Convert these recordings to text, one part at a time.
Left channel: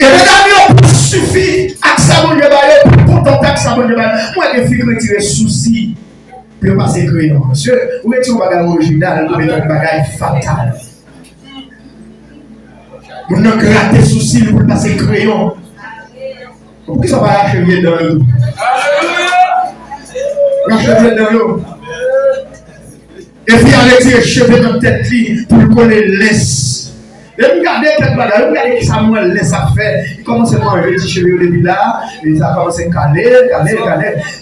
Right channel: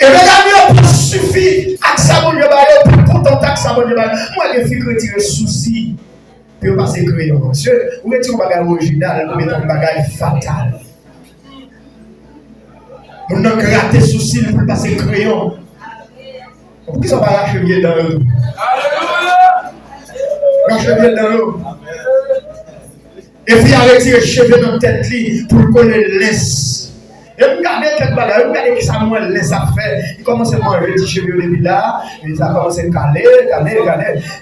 Et mesdames, il pas suffit à ça, mon Dieu, pour contenter avec ça, mon Dieu. Moi, je suis retiré souci pour passer crayon. Monsieur, vous retirez un bagage original, vous mettez un bagage fatal. Vous n'avez gratté souci pour passer crayon. Pourquoi ça va racheter dans le dos? Racheter dans le dos. Et puis, avec les cheveux dans la tête pour qu'on les laisse. Et regardez quelques bagages, regardez qui ça moi laisse à faire. Il commence à manger des cheveux au début là, il a commencé à caler.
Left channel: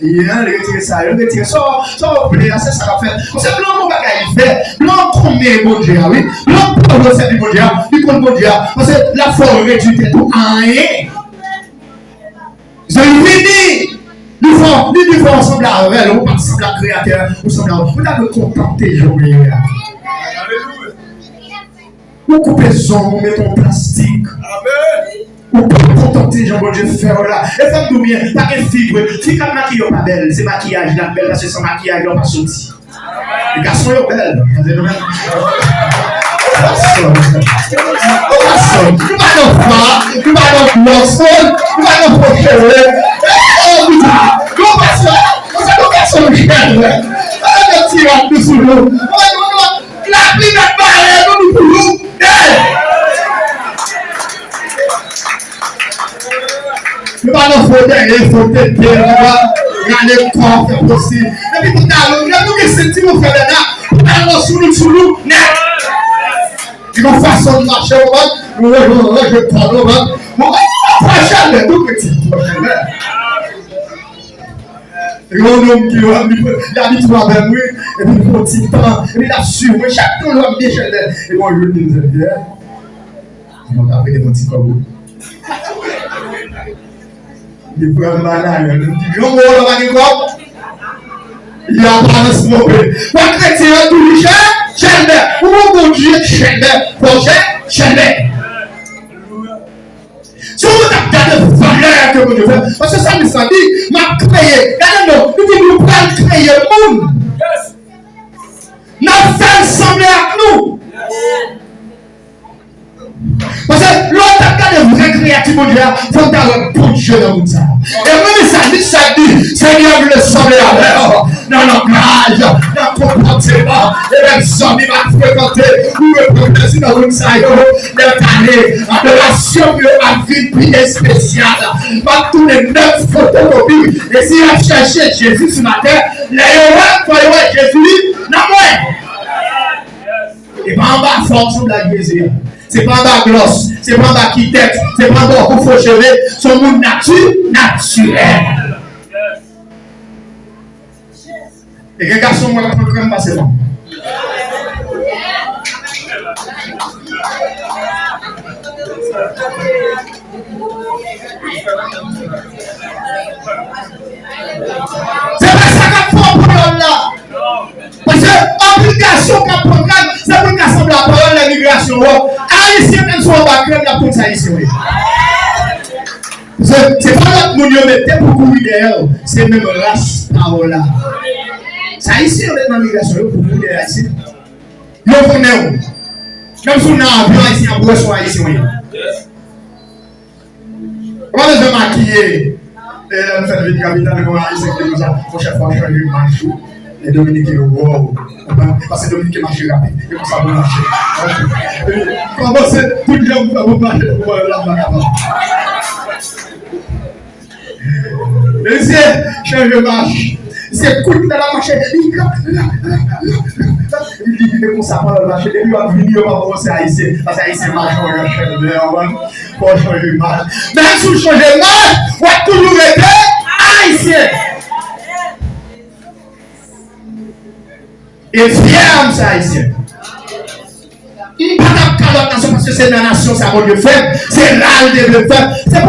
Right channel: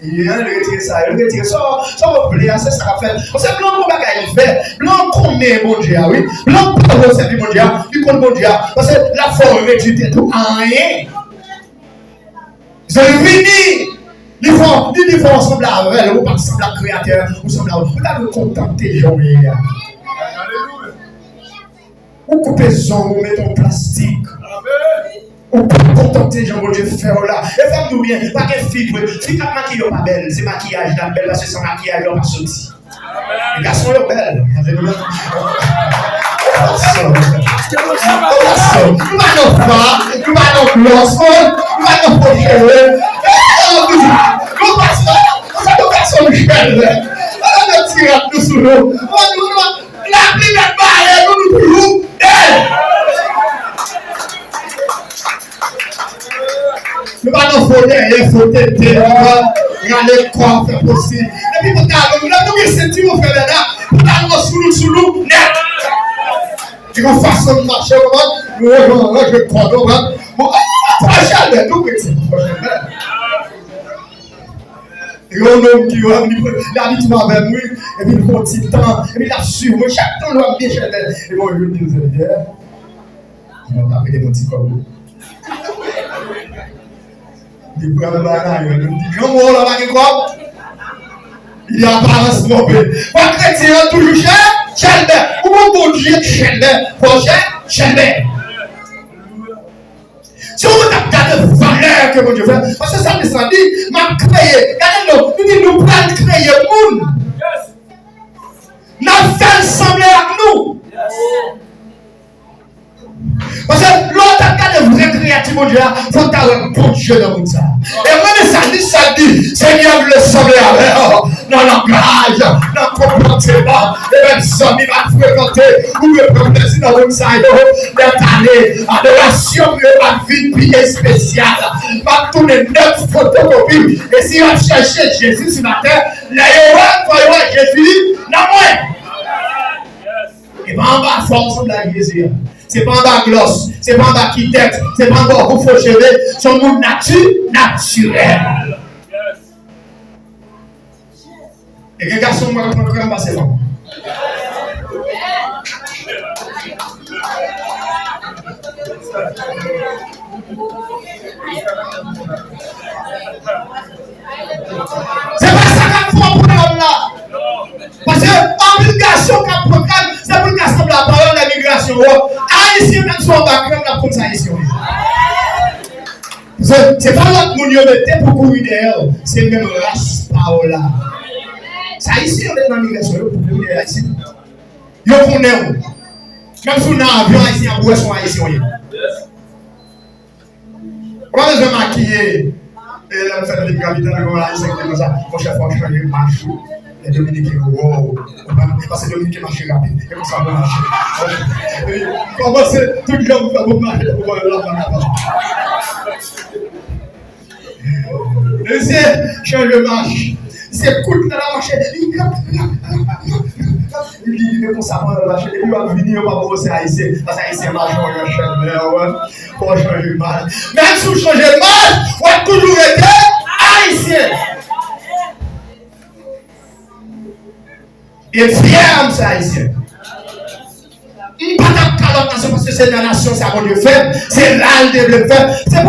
Il a retiré ça, il a retiré ça. Ça, c'est ça va faire. C'est blanc, mon bagage, il fait. Blanc, connaît mon Dieu, oui. Blanc, pour servir mon Dieu, il connaît mon Dieu. Parce que la forme réduite tout en rien. Vous avez fini. Il faut ensemble avec elle, vous participez à la créateur, vous semblez vous contenter, Jean-Pierre. Vous coupez son, vous mettez en plastique. Vous contenter, Jean-Dieu, faire là. Et faites-nous bien, pas qu'elle fibre. Si quand maquillage pas belle, c'est maquillage là, belle, parce que sans maquillage, on va sortir. Les garçons sont belles. Vous ils vont façon de marcher, nous je prochaine, tout petit. Et un homme qui va l'habitude avec moi, et puis un petit temps, et puis il a su, moi, chaque temps, je vais bien chez et bon, je dis, ils vont appeler mon petit corbeau. Il prend le banane, il dit, grand mot, là, quoi? Il a balancé mon bébé. Pour chrétien, toujours cher, ou mon Dieu, cher, projet, cher. Si vous regardez la valeur que mon Dieu fait, parce que ça me semble dit, m'a créé, regardez-nous, il dit, nous prenons créer le monde. Nous faisons sembler à nous. Parce que l'autre cas de vrai créatif, mon Dieu, il faut avoir un bon Dieu dans le monde. Et même ça dit, Seigneur, le sauver avec dans le langage, dans le comportement, et même ça, il va fréquenter, vous me prenez dans le monde, d'être allé, adoration, ma vie, puis spéciale. Va tourner 9 photocopies, et si on cherche Jésus sur la terre, les voyez Jésus, non moins. Et pas en bas, force de la Jésus. C'est pas en bas gloss, c'est pas en bas qui tête, c'est pas en bas où faut chevet, son monde naturel. Et les garçons, moi, je ne peux pas passer bon. C'est pas ça qu'on fait pour nous là. Parce que l'obligation qu'on programme, c'est pour qu'assemble la parole de l'immigration. Haïtien, même si on va créer la police haïtienne. C'est pas l'autre monde qui met pour courir derrière, c'est même race parola. Ça ici, on est dans l'immigration, pour courir derrière ici. Yo connaît. Même si on a un avion haïtien, on peut être haïtien. On va se maquiller. Et là, nous faisons vite capitale, on a haïtien qui nous a, mon chef, on a changé le marché. Et Dominique est wow. Parce que Dominique est marché rapide. Et comme ça, on marche. Comment c'est tout le monde va marcher pour voir la main. Et c'est change de marche. C'est cool dans la marche. Il dit comme ça pendant le marché. Et puis on va venir, on va commencer à essayer. Parce que c'est marche, on va changer de pour changer de marche. Même si vous changez de marche, on va toujours être haïtien. Et fier ça ici. Pas de nation parce que c'est la nation, c'est à mon Dieu fait. C'est là où Dieu veut faire. C'est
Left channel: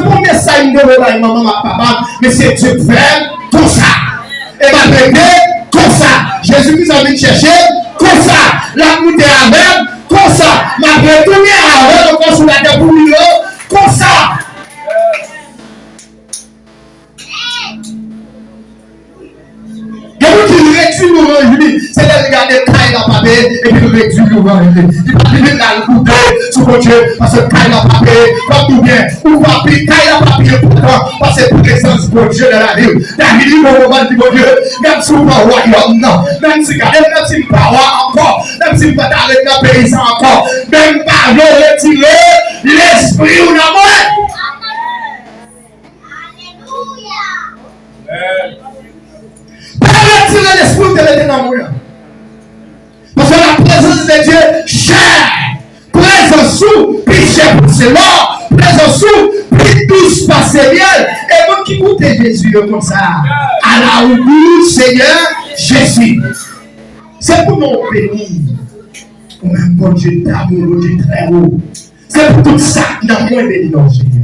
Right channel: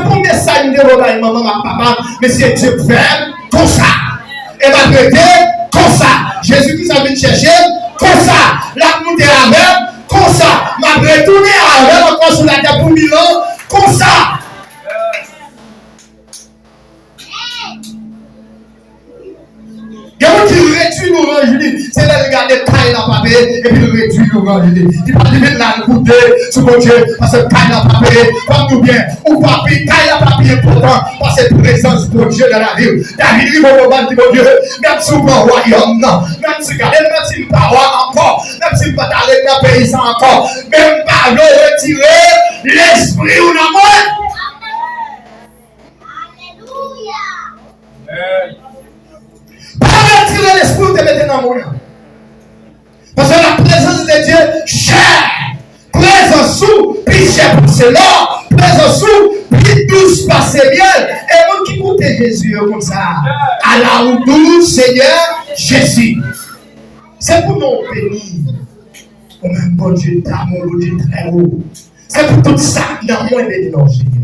pour mes sailles de votre maman, ma papa, mais c'est Dieu fait comme ça. Et ma bébé, comme ça. Jésus-Christ a venu chercher, comme ça. La montée avec, comme ça. Ma retournée avec, encore sur la terre pour 1000 ans, comme ça. Réduit l'orange, c'est de regarder taille dans le papier et puis réduit l'orange. Il va venir dans le coude sous mon Dieu parce que taille dans le papier comme tout bien, ou papier, taille la papier important, parce que présence de Dieu dans la vie. David dit au moment de Dieu, même si vous pas royaume, non, même si vous pas roi encore, même si vous pas d'arrêter dans le paysan encore, même pas retirer l'esprit ou la mort. Pas retirer l'esprit ou te mettre dans le monde. Parce que la présence de Dieu, chère, présence sous, puis cher pour cela, présence sous, puis douce par Seigneur. Et moi qui goûte Jésus comme ça, à la roue, Seigneur Jésus. C'est pour nous bénir. Ou même bon Dieu d'amour, bon Dieu très haut. C'est pour tout ça qui n'a moins béni dans Seigneur.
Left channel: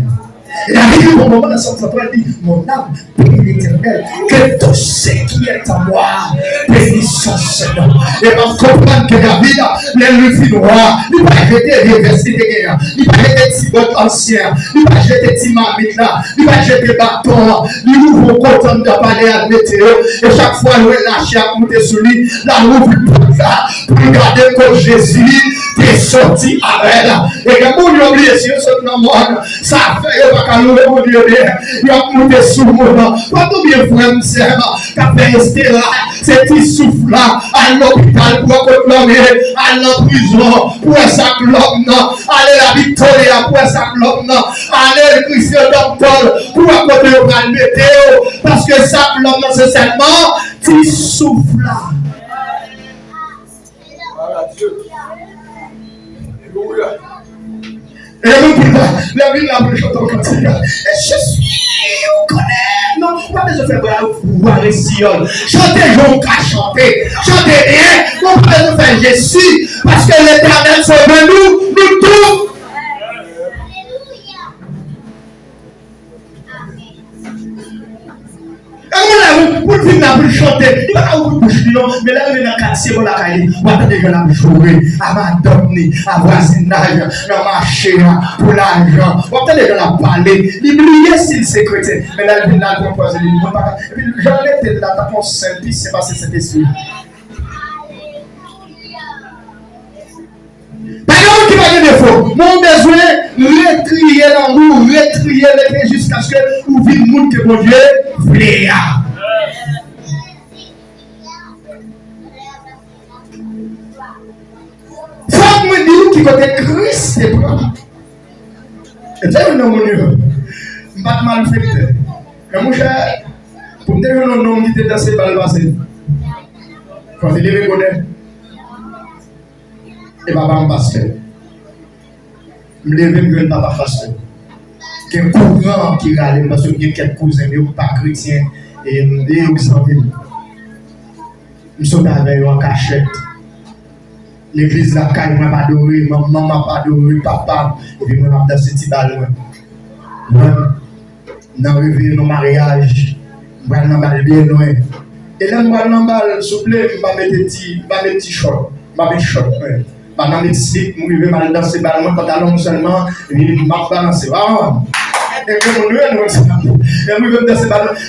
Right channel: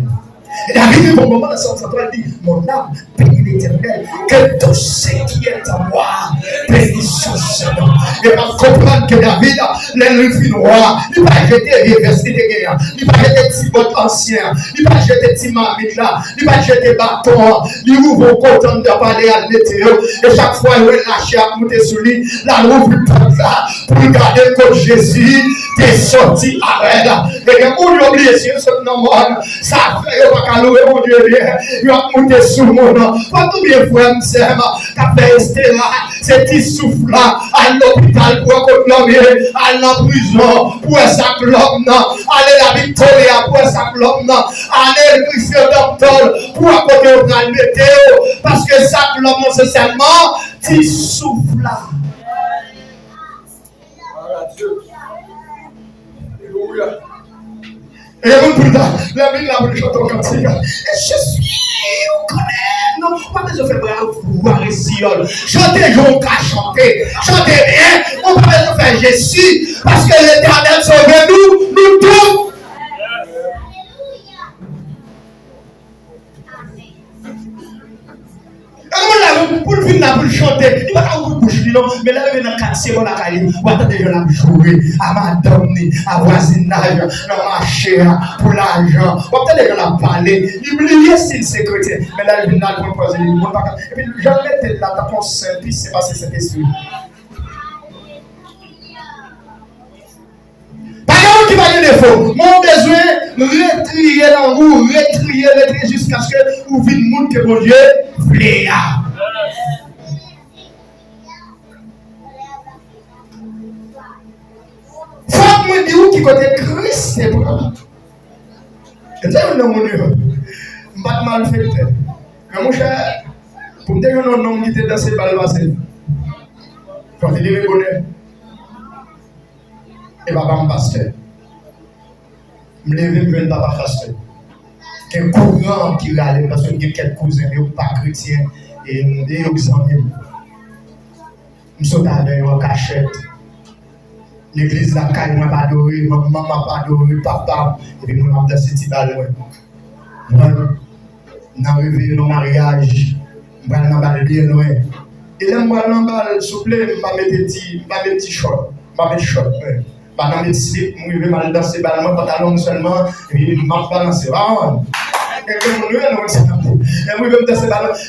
Et la vie au moment de son travail dit, mon âme bénit l'Éternel, que tout ce qui est à moi bénisse son Seigneur. Et on comprend que David, l'ennemi noir, il va jeter les versets de guerre, il va jeter petit bot ancien, il va jeter petit marmite là, il va jeter bâton, il ouvre content de parler à la météo, et chaque fois il lâche à monter sur lui, là il ouvre pour regarder comme Jésus est sorti à elle. Et que pour lui oublier si ce nom ça fait pas louer mon Dieu bien, il va monter sous mon nom. Quand tout bien frère m'sem, qu'a fait rester là, cet souffle là, à l'hôpital pour accoucher, à la prison pour sa clope non, aller la Victoria pour sa clope non, aller le Christian docteur pour accoucher le météo, parce que sa clope non c'est seulement petit souffle là. Et la ville là, pour chanter au cantique. Et je suis, on connaît. Non, pas besoin de faire voir les sion. Chantez, je qu'à chanter. Chantez bien. On pas besoin de faire je suis. Parce que l'Éternel sauve nous tous. Pour le film, pour chanter, il va pas vous boucher, mais là, il est dans le quartier, il va attendre que la jouer, à madame, à voisinage, à marcher, pour l'argent. Il va attendre que la parler, il brille s'il sécurité. Mais là, il vient pour poser les mots. Et puis, j'en ai la tapon seul, puis c'est passé cet esprit. Par exemple, qui va dire défaut, mon besoin, retrier dans vous, retrier jusqu'à ce que vous vivez le monde que mon Dieu voulait. Faut me dire qui côté Christ est propre. Et ça, je ne sais pas mal fait. Mais mon cher, pour me dire un nom qui était dans ces balles passées, quand il est bonnet, et papa me pasteur. Je me lève et je papa pasteur. Il y a un courant qui râle parce qu'il y a quelques cousins, ils ne sont pas chrétiens et ils sont amis. Je suis avec eux en cachette. L'église la caille, moi pas adoré, maman pas adoré, papa, et puis moi dans ce petit ballon. Moi, dans le réveil, dans le mariage, je vais dans le bal bien loin. Et là, je vais dans le bal, s'il vous plaît, je vais mettre des petits shorts. Je vais mettre des shorts. Pendant mes slips, je vais mal danser ballon, pantalon seulement, et puis je vais balancer. Et puis je vais danser ballon.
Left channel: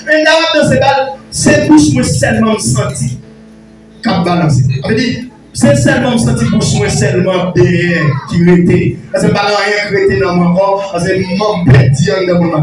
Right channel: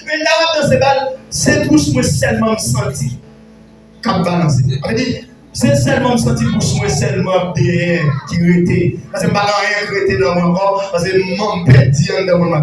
Mais là, je vais danser ballon, c'est bouche moi seulement senti. Quand je balance. Ça veut dire, c'est seulement senti bouche moi seulement derrière qui était. Parce que je ne vais pas rien arrêter dans mon corps, parce que je m'en perds dans mon